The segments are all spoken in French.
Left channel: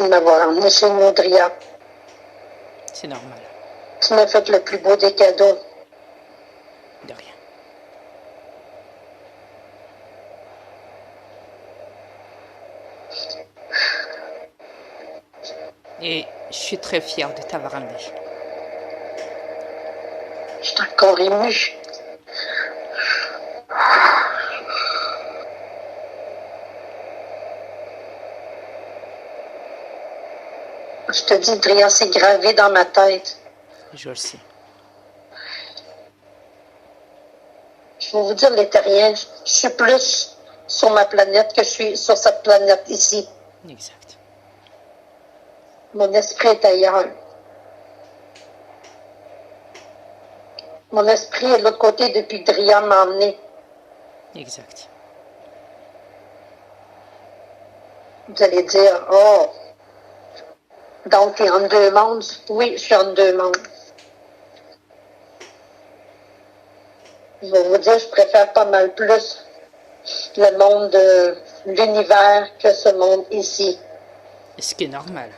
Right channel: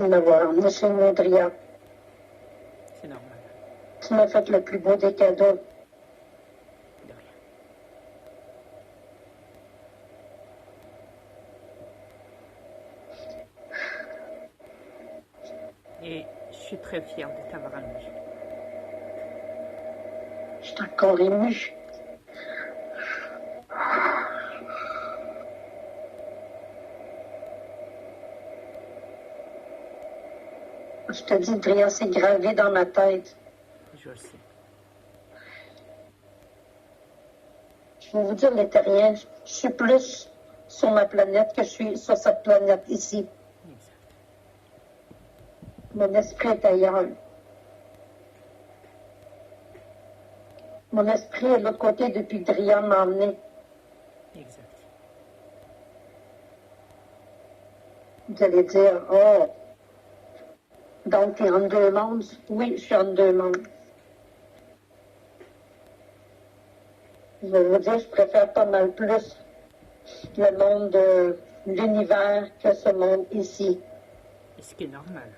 de m'avoir emmené chez nous, Dria. C'est normal. Tu m'as fait le plus beau des cadeaux. De rien. Et je suis très fière de t'avoir amené. Je suis encore émue. Je te dis, Dria, c'est gravé dans ma tête. Je le sais. Je vais vous dire, les terriens, je suis plus sur ma planète que je suis sur cette planète ici. Exact. Mon esprit est ailleurs. Mon esprit est de l'autre côté depuis que Dria m'a emmené. Exact. Vous allez dire, oh, donc tu es en deux mondes. Oui, je suis en deux mondes. Je vais vous dire, je préfère pas mal plus le monde de l'univers que ce monde ici. Ce qui est normal.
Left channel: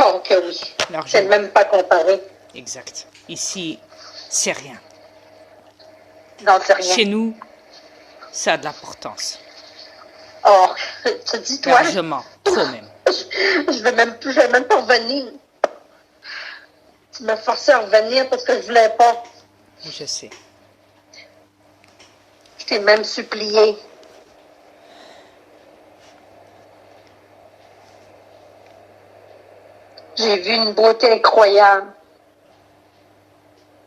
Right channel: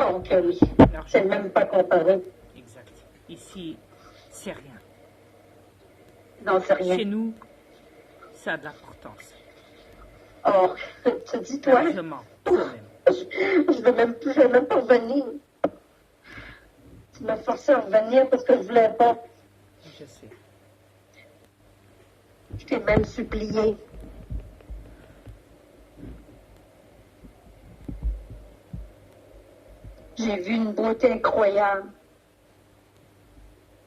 Oh que oui, c'est même pas comparé. Exact. Ici, c'est rien. Non, c'est rien. Chez nous, ça a de l'importance. Oh, tu dis toi. Largement, trop même. Je vais même pas revenir. Tu m'as forcé à revenir parce que je voulais pas. Je sais. Je t'ai même supplié. J'ai vu une beauté incroyable.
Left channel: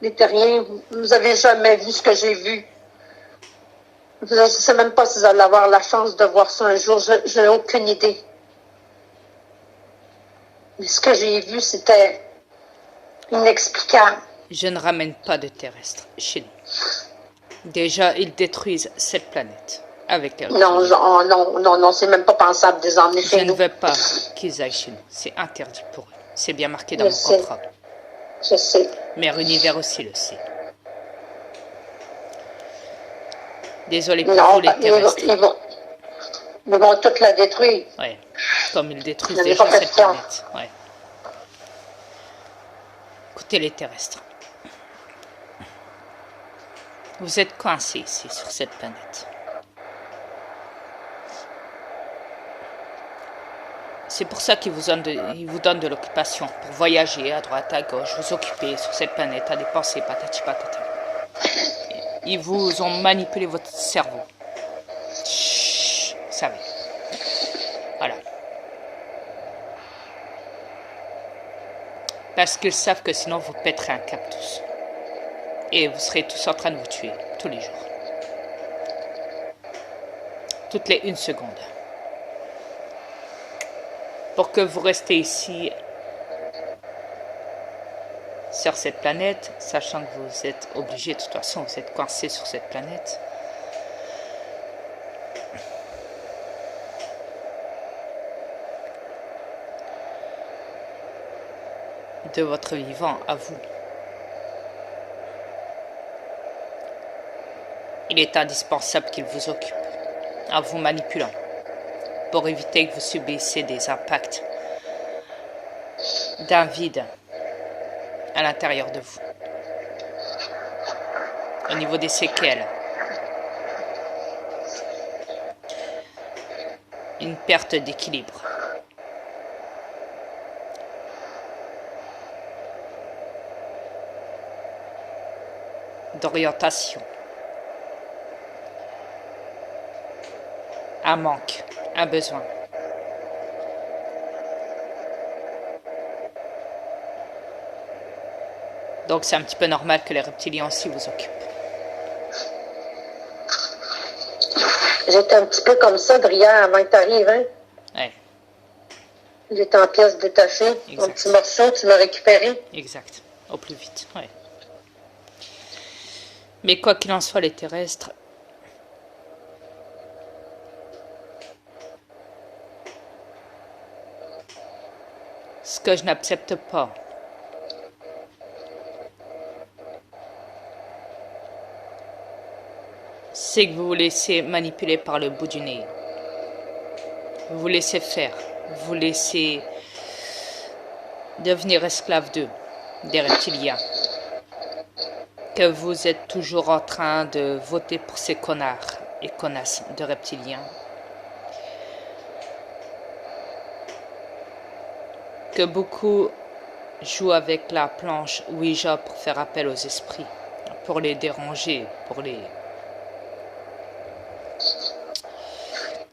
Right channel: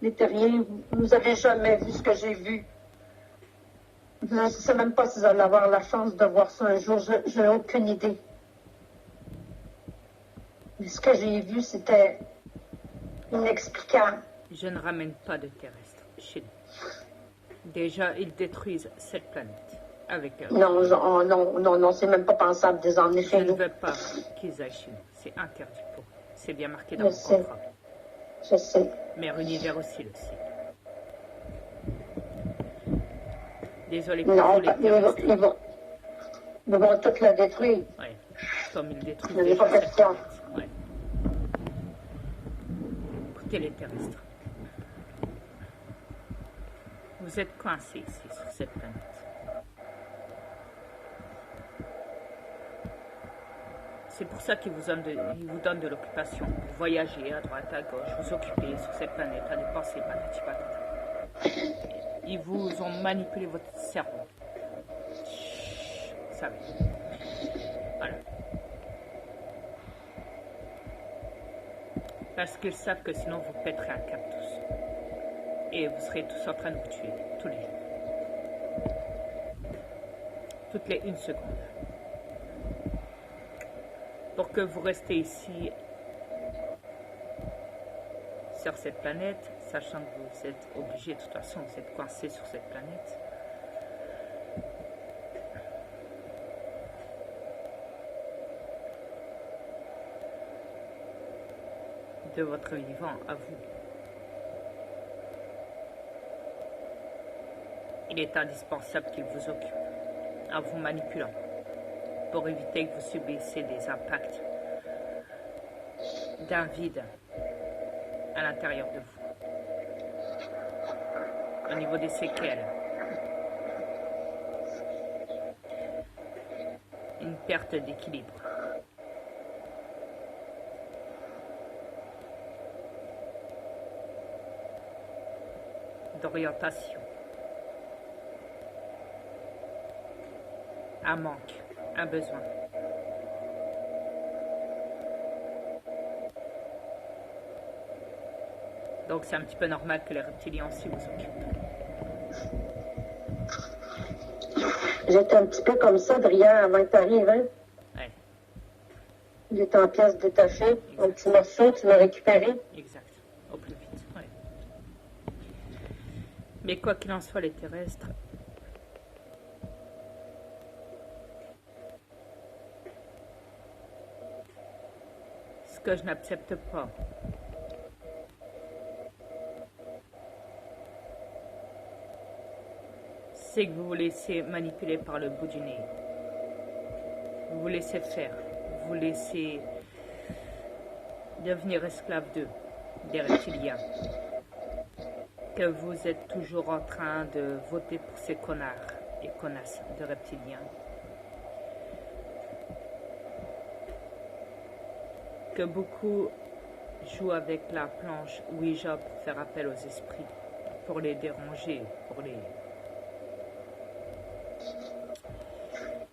Les terriens, vous avez jamais vu ce que j'ai vu. Je ne sais même pas si vous allez avoir la chance de voir ça un jour. Je n'ai aucune idée. Mais ce que j'ai vu, c'était inexplicable. Je ne ramène pas de terrestres chez nous. Déjà, ils détruisent cette planète avec les Non, non, c'est même pas pensable de les emmener chez nous. Je ne veux pas qu'ils aillent chez nous. C'est interdit pour eux. C'est bien marqué dans mon contrat. Je sais. Mère Univers aussi le sait. Désolé pour vous les terrestres. Ils vont toute la détruire. Oui, comme ils détruisent déjà cette planète. Ouais. Écoutez les terrestres. Vous êtes coincés ici, sur cette planète. C'est pour ça qu'ils vous donnent de l'occupation, pour voyager à droite, à gauche, vous occuper sur cette planète, à dépenser patati patata. Ils vous ont manipulé votre cerveau. Chut, vous savez. Voilà. Parce qu'ils savent que sinon vous pèterez un câble tous. Et vous serez tous en train de vous tuer, tous les jours. Toutes les 1 seconde. Pour que vous restez ici, sur cette planète, sachant que vous êtes obligés, de toute façon, vous êtes coincés sur cette planète. De votre vivant à vous. Il est indispensable qu'il vous occupe, en vous manipulant, pour éviter que vous subissiez des impacts d'un vide à l'intérieur de vous. Au niveau des séquelles, une perte d'équilibre. D'orientation. Un manque, un besoin. Donc c'est un petit peu normal que les reptiliens aussi vous occupent. J'étais un petit peu comme ça, Dria, avant que tu arrives, hein? Ouais. J'étais en pièces détachées. Exact. Un petit morceau, tu l'as récupéré. Exact. Au plus vite, ouais. Mais quoi qu'il en soit, les terrestres, ce que je n'accepte pas, c'est que vous vous laissez manipuler par le bout du nez. Vous vous laissez faire vous laissez devenir esclave d'eux, des reptiliens. Que vous êtes toujours en train de voter pour ces connards et connasses de reptiliens. Que beaucoup jouent avec la planche Ouija pour faire appel aux esprits, pour les déranger, pour les...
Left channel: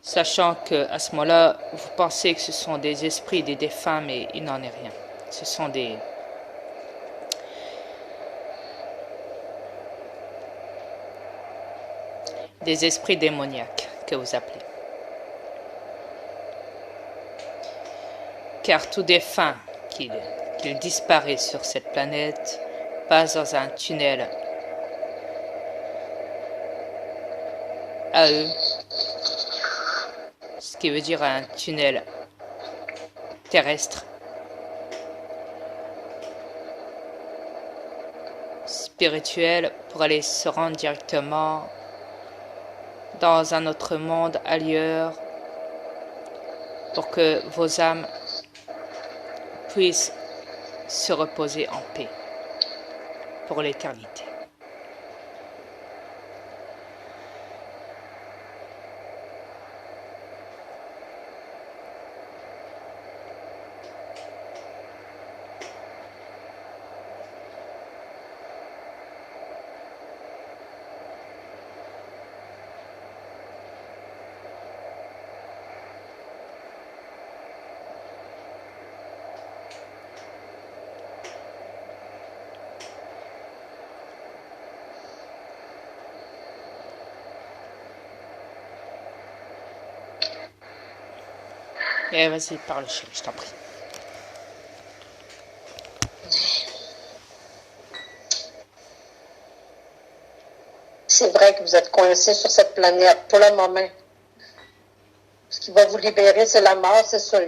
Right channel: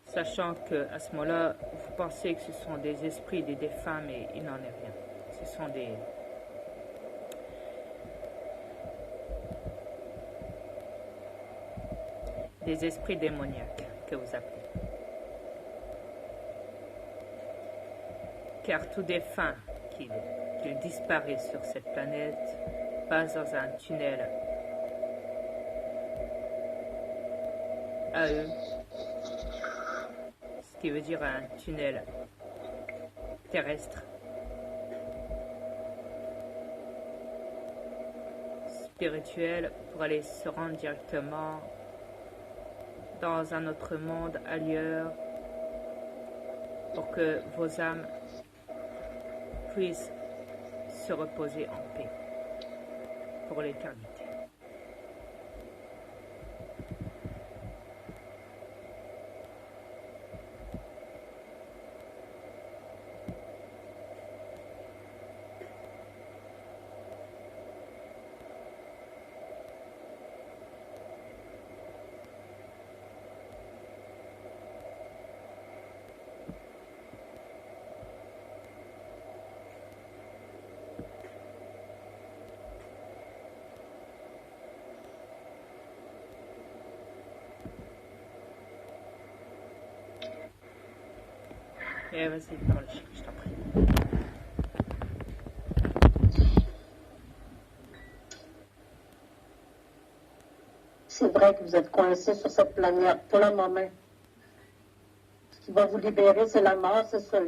Sachant qu'à ce moment-là, vous pensez que ce sont des esprits des défunts, mais il n'en est rien. Ce sont des esprits démoniaques que vous appelez. Car tout défunt qu'il disparaît sur cette planète passe dans un tunnel à eux, ce qui veut dire un tunnel terrestre, spirituel, pour aller se rendre directement dans un autre monde ailleurs, pour que vos âmes puissent se reposer en paix pour l'éternité. Et vas-y, parle, chérie, je t'en prie. C'est vrai que vous êtes coincé sur cette planète pour le moment. Ce qui va vous libérer, c'est la mort, c'est sûr.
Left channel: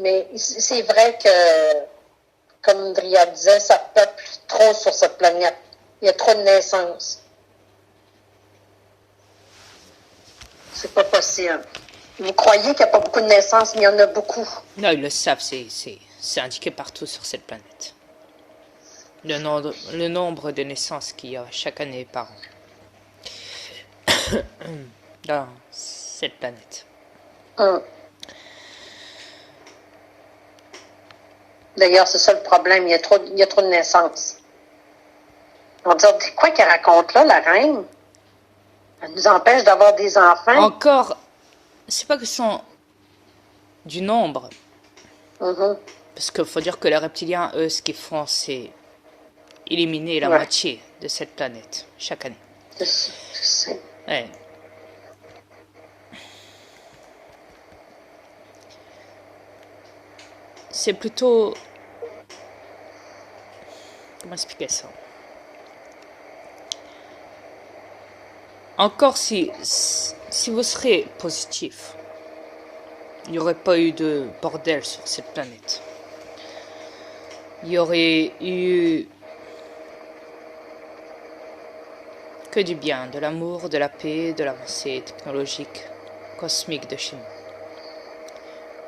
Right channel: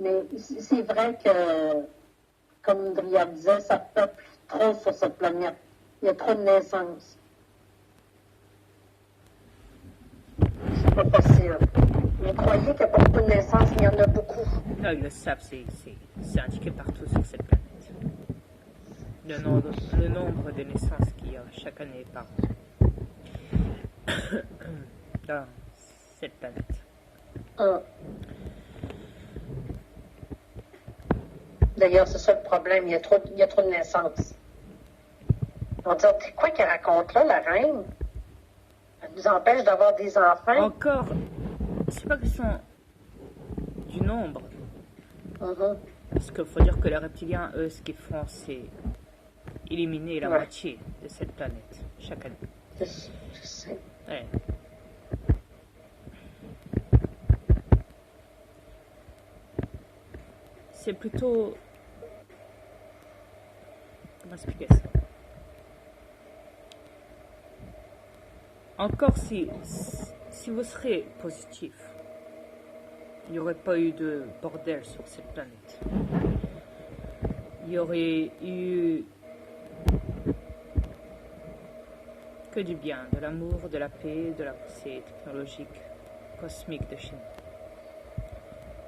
Mais c'est vrai que, comme Dria disait, ça peuple trop sur cette planète. Il y a trop de naissances. C'est pas possible. Vous croyez qu'il n'y a pas beaucoup de naissances, mais il y en a beaucoup. Non, ils le savent, c'est indiqué partout sur cette planète. Le nombre de naissances qu'il y a chaque année par an dans cette planète. D'ailleurs, c'est ça le problème, il y a trop de naissances. On dit, c'est quoi qu'elle raconte là, la reine? Elle nous empêche d'avoir des enfants. Encore, c'est pas question du nombre. Parce qu'il faut dire que les reptiliens, eux, ce qu'ils font, c'est éliminer la moitié de cette planète chaque année. Je sais. Ouais. C'est plutôt... Comment expliquer ça? Encore si vous serez positif, il n'y aurait pas eu de bordel sur cette planète. Il y aurait eu que du bien, de l'amour, de la paix, de l'avancée technologique, cosmique de chez nous.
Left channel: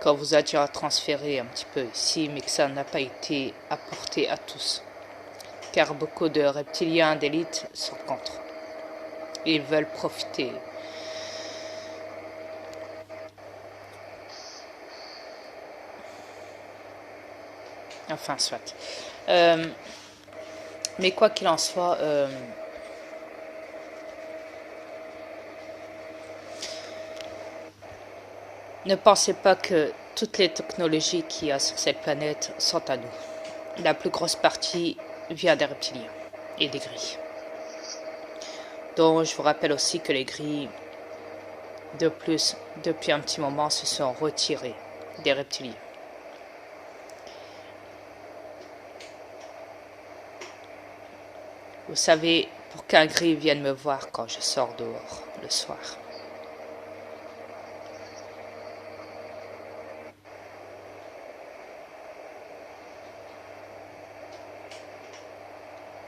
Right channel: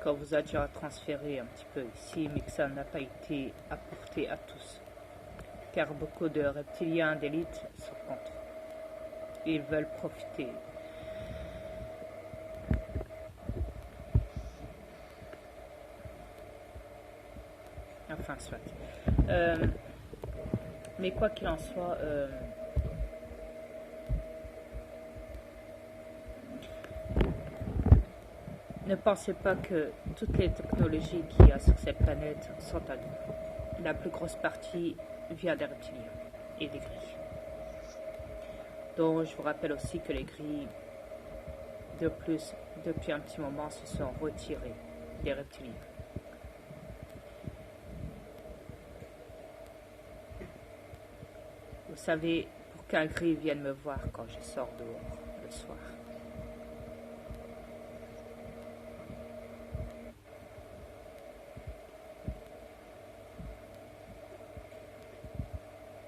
Quand vous a déjà transféré un petit peu ici, mais que ça n'a pas été apporté à tous. Car beaucoup de reptiliens d'élite sont contre. Ils veulent profiter. Enfin, soit. Mais quoi qu'il en soit, ne pensez pas que toutes les technologies qu'il y a sur cette planète sont à nous. La plus grosse partie vient des reptiliens et des gris. Donc, je vous rappelle aussi que les gris, de plus, depuis un petit moment, se sont retirés des reptiliens. Vous savez, pour qu'un gris vienne me voir quand je sors dehors le soir.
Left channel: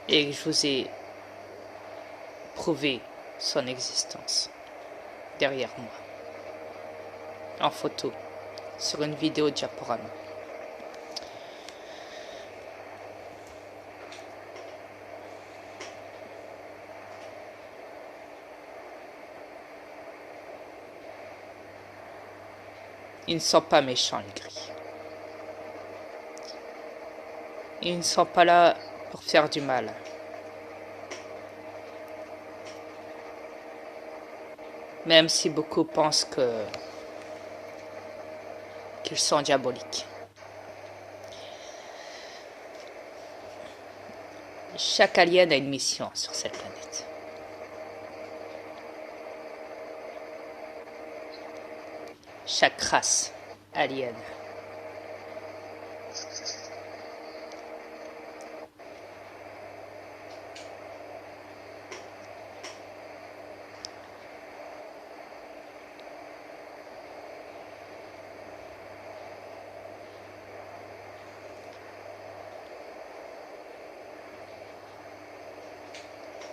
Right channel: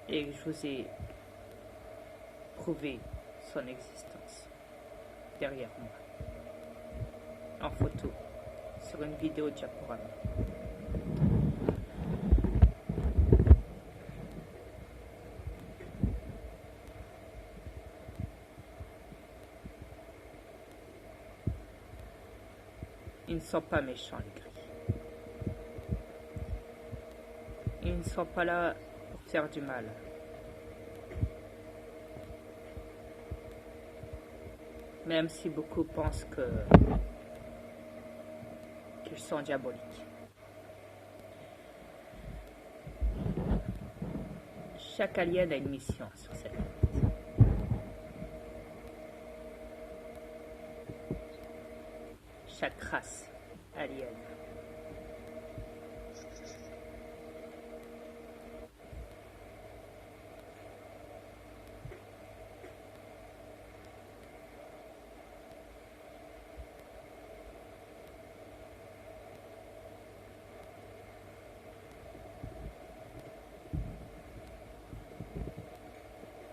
Et je vous ai prouvé son existence. derrière moi. En photo, sur une vidéo diaporama. Ils ne sont pas méchants, les gris. Ils ne sont pas là pour faire du mal. Même si beaucoup pensent qu'ils sont diaboliques. Chaque alien a une mission sur cette planète. Chaque race alien.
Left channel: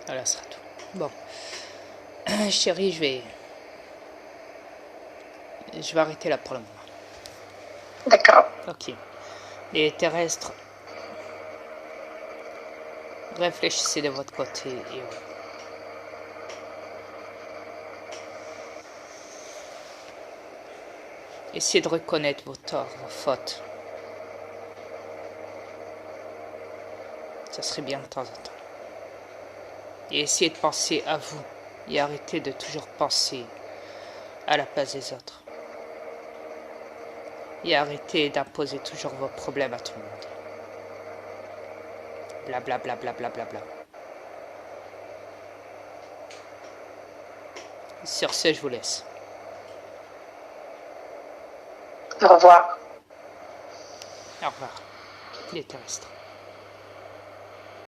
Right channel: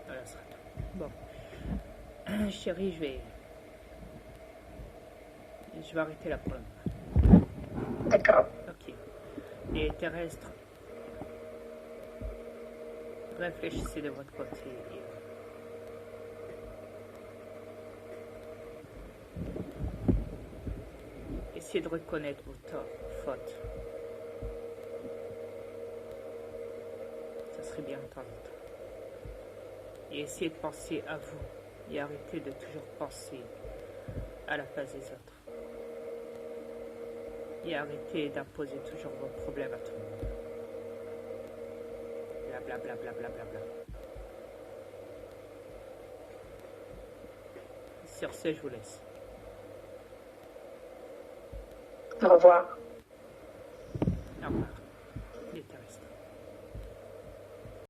Voilà, ce sera tout. Bon. Chérie, je vais arrêter là pour le moment. D'accord. Ok. Les terrestres, réfléchissez de votre côté et essayez de reconnaître vos torts, vos fautes. Ça serait bien de temps en temps. Et essayez de penser à vous et arrêtez de toujours penser à la place des autres. Et arrêtez d'imposer toujours vos problèmes à tout le monde. Blablabla. Bla, bla, bla, bla, bla. Sur ce, je vous laisse. Au revoir. Au revoir, les terrestres.